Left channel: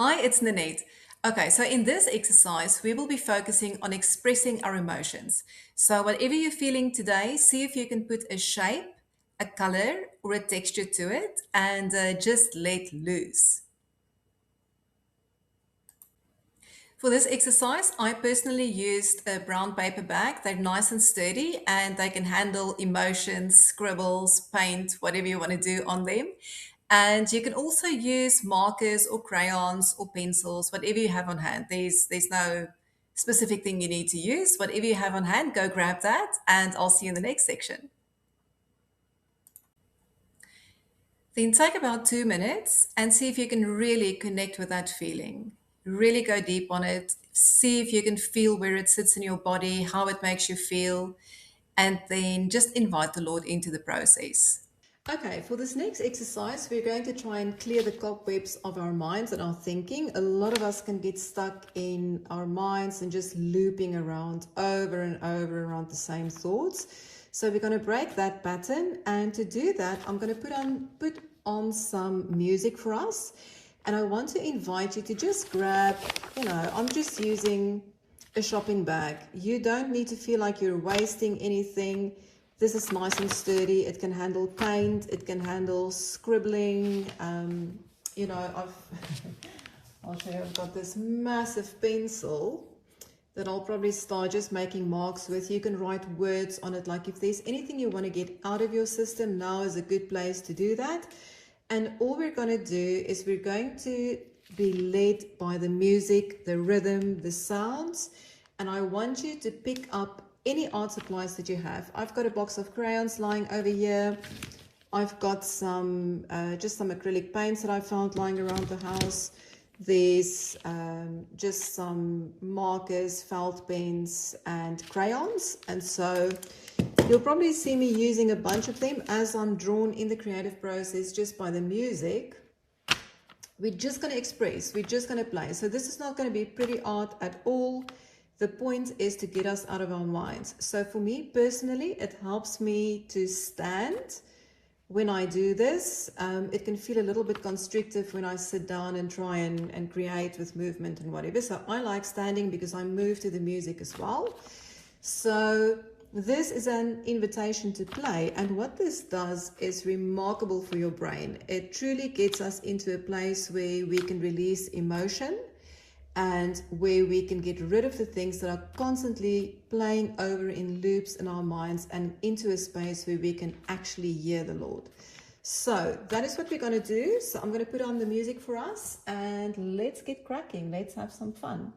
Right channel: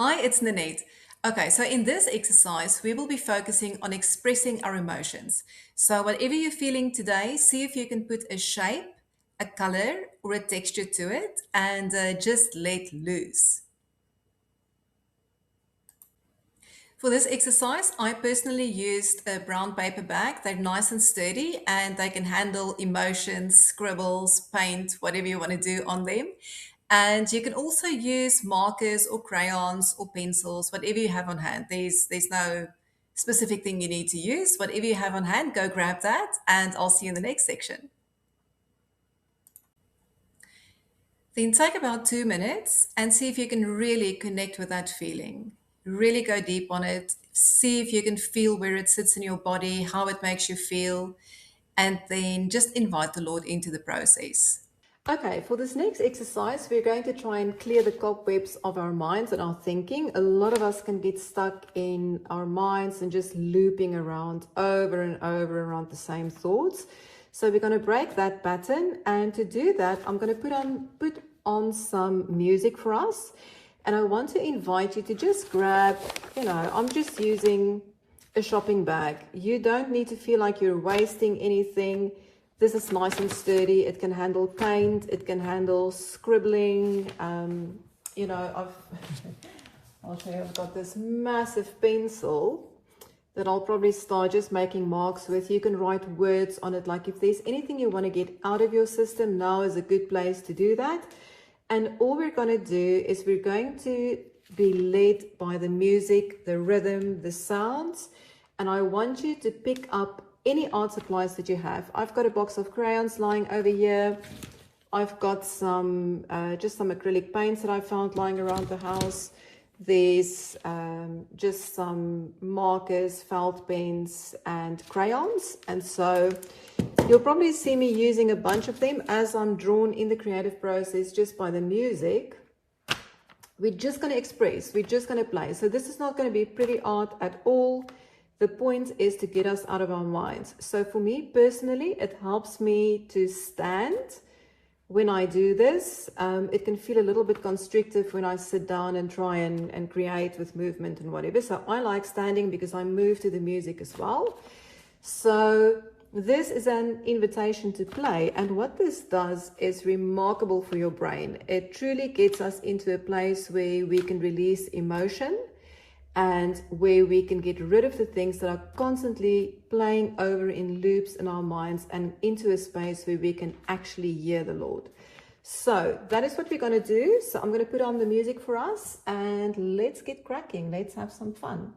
Hi, it's Nanette. Okay, so in this exercise, we will be focusing on expressing our emotions. So, whatever you're feeling today, see if you can put a shape, a color, or a texture to it and just let loose. For this exercise, I personally used a brown paper bag. They're nice and sturdy and they can handle emotions, scribbles, paint, whatever you want to do on them. And you can also use markers or crayons or pencils, whatever you have on hand. There's no specific thing you need to use. Whatever you have on hand, go grab that, and I'll see you in the next section. Then take about 2 minutes and see if you can really connect with that feeling. Really go deep on it. See if you can feel where it sits in your body, how it makes you feel, and then just invite the Lord into the process. Okay, for this next exercise, we're going to try and clear the cobwebs of our minds and our thinking. A lot of us can get stuck in our minds and just looping around over and over around the same thoughts. So we're going to break that pattern, and to do that, I'm going to put on some music for us. And I want to invite you to just grab, I'm just using a shopping bag. You don't need to feel like you're wasting anything. This is nice and sturdy. It can handle paint. It can handle scribbling. I've I'll show you, I've got this massive pencil that I'll probably start just making marks with. You can write words on it. Like if there's anything you want to get out of your system, now is a good place to do that. And all we're going to do is we're going to be led by the music, the rhythm, the sounds. And I want you to pick up any art supplies that you have. I've got a box of crayons lying over here. I've got just some acrylic paints that I found lying around the house. There's just some markers, felt pens, and crayons. And so you'll probably see me using a bunch of them as I'm drawn in the creative process just by the music. We're just going to express, we're just going to play. So this is not going to be pretty art at all. The point is to get us out of our minds. So for me personally, it helps me to stand when I do this. It can feel a little bit constrictive when I sit down and try and create with movement and whatever. So I like standing because I move to the music as well. So this is an invitation to play, and what this does is remarkable for your brain. It truly gets us into a place where we can release emotion and where we can get rid of the things that are constantly playing over in loops in our minds, and into a space where we can actually hear the Lord. So that is what we're going to do. So I'm going to put on the music for us and let's get cracking. Let's have some fun.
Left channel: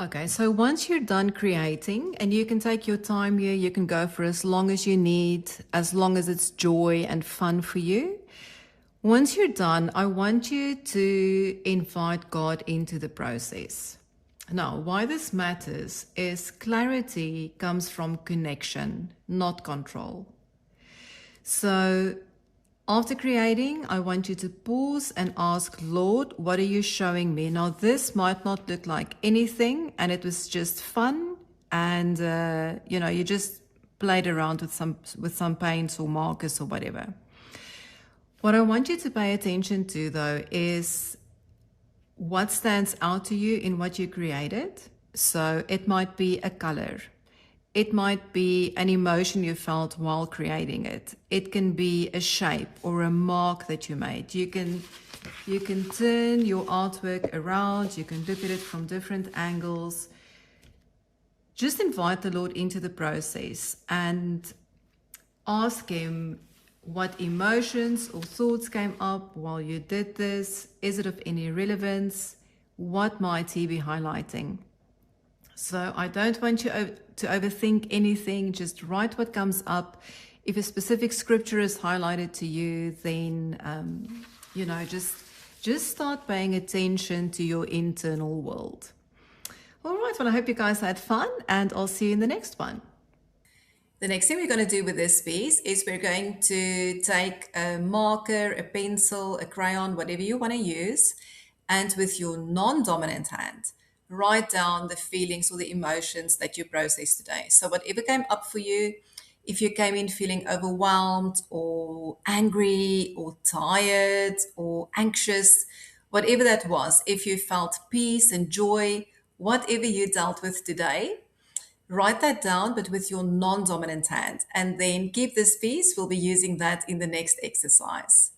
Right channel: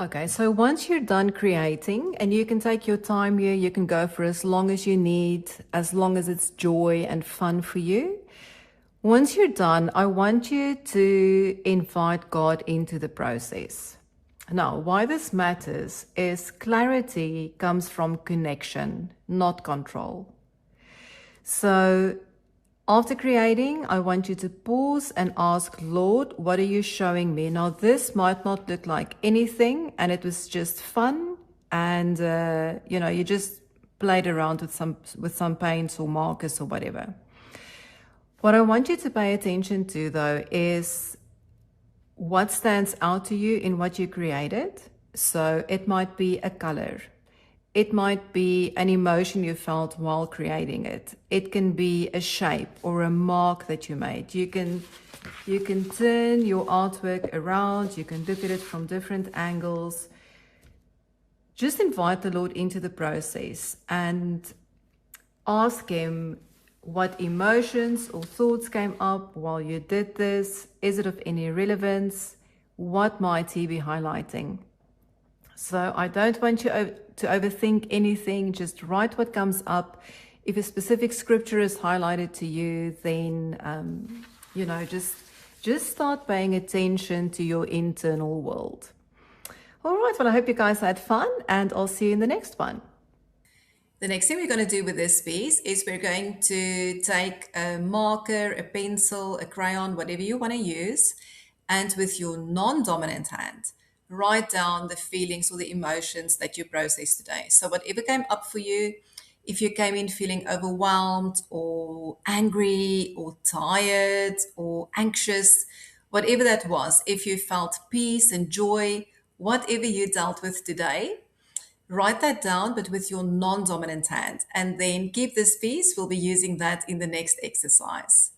Okay, so once you're done creating, and you can take your time here, you can go for as long as you need, as long as it's joy and fun for you. Once you're done, I want you to invite God into the process. Now, why this matters is clarity comes from connection, not control. So after creating, I want you to pause and ask, Lord, what are you showing me? Now, this might not look like anything, and it was just fun, and you just played around with some paints or markers or whatever. What I want you to pay attention to, though, is what stands out to you in what you created. So it might be a color. It might be an emotion you felt while creating it. It can be a shape or a mark that you made. You can turn your artwork around. You can look at it from different angles. Just invite the Lord into the process and ask Him what emotions or thoughts came up while you did this. Is it of any relevance? What might He be highlighting? So I don't want you to overthink anything. Just write what comes up. If a specific scripture is highlighted to you, then, just start paying attention to your internal world. All right, well, I hope you guys had fun, and I'll see you in the next one. The next thing we're going to do with this piece is we're going to take a marker, a pencil, a crayon, whatever you want to use, and with your non-dominant hand, write down the feelings or the emotions that you processed today. So whatever came up for you, if you came in feeling overwhelmed or angry or tired or anxious, whatever that was, if you felt peace and joy, whatever you dealt with today, write that down, but with your non-dominant hand, and then keep this piece. We'll be using that in the next exercise.